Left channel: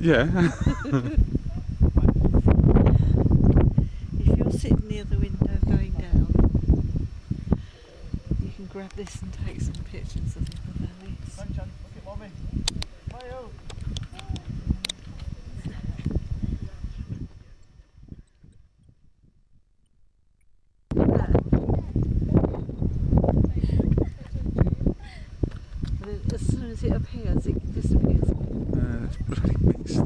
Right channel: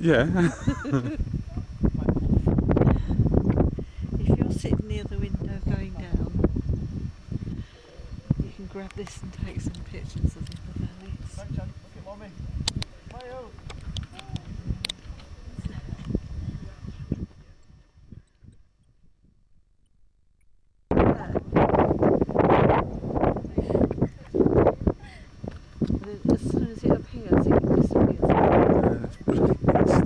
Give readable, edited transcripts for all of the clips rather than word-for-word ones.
Yeah. If you're sitting near the window going down, you can grab this and take some pictures of the other valleys. Look at Mommy. Mayo. As soon as it appears, it disappears. It's bloody mist.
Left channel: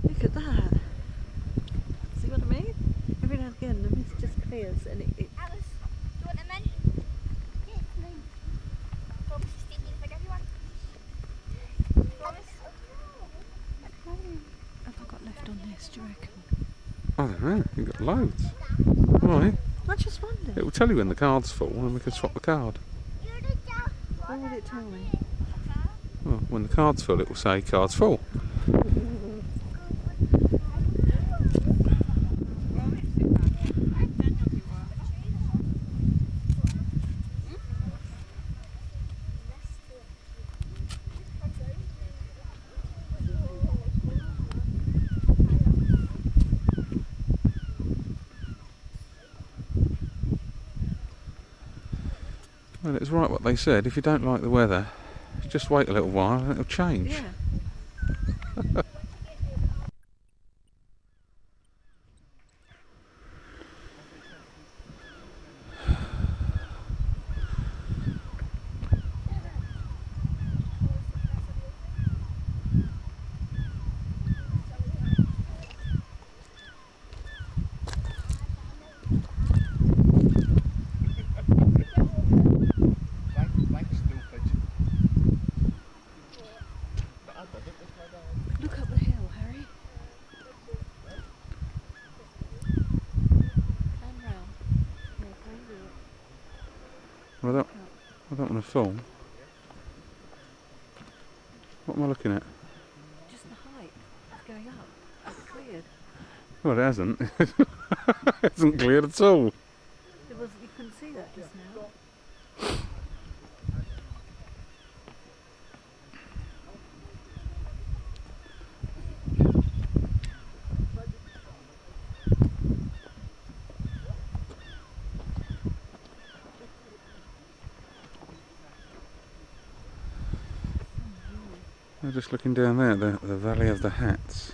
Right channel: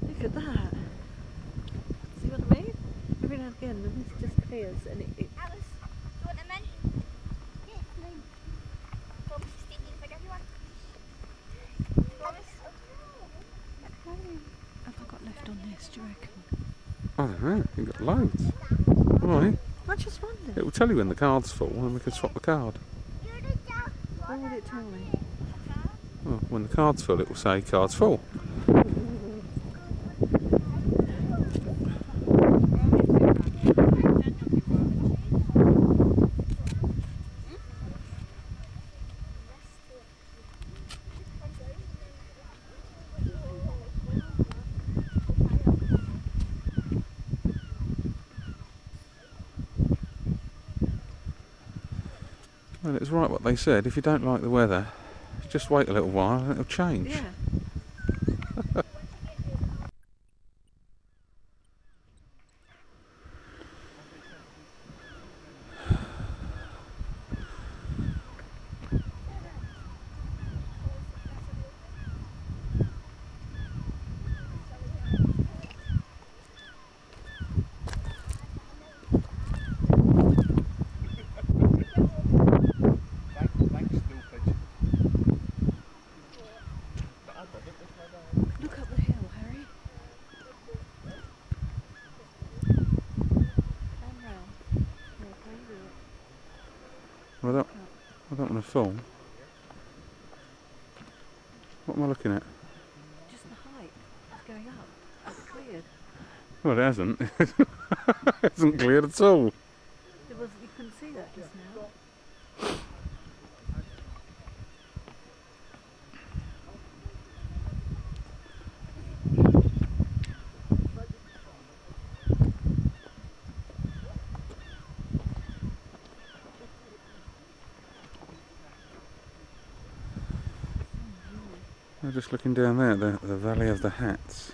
Look at that. See what I mean? Every now and again the mist just clears and it Alice, do you want a menu? Yeah, please. Promise to stick in if I give you one. Promise? How many have I got left on this, do you reckon? I don't know, you've got loads. Why? I just wondered. It will tell you when the card's full and we can swap the card. What would it tell me? Well, when the card's full it will say card's full. Well, it's right what they said. If you don't like the weather, just wait a little while and it'll change. Yeah. Look up the hill, Harry. And round. Yeah, crazy. Well, I don't want to film. What am I looking at? Just the height. It's going up. It's cleared. Well, it hasn't. It hasn't cleared at all. You couldn't see that just now. I'm just looking down there, the Valley of the Hats.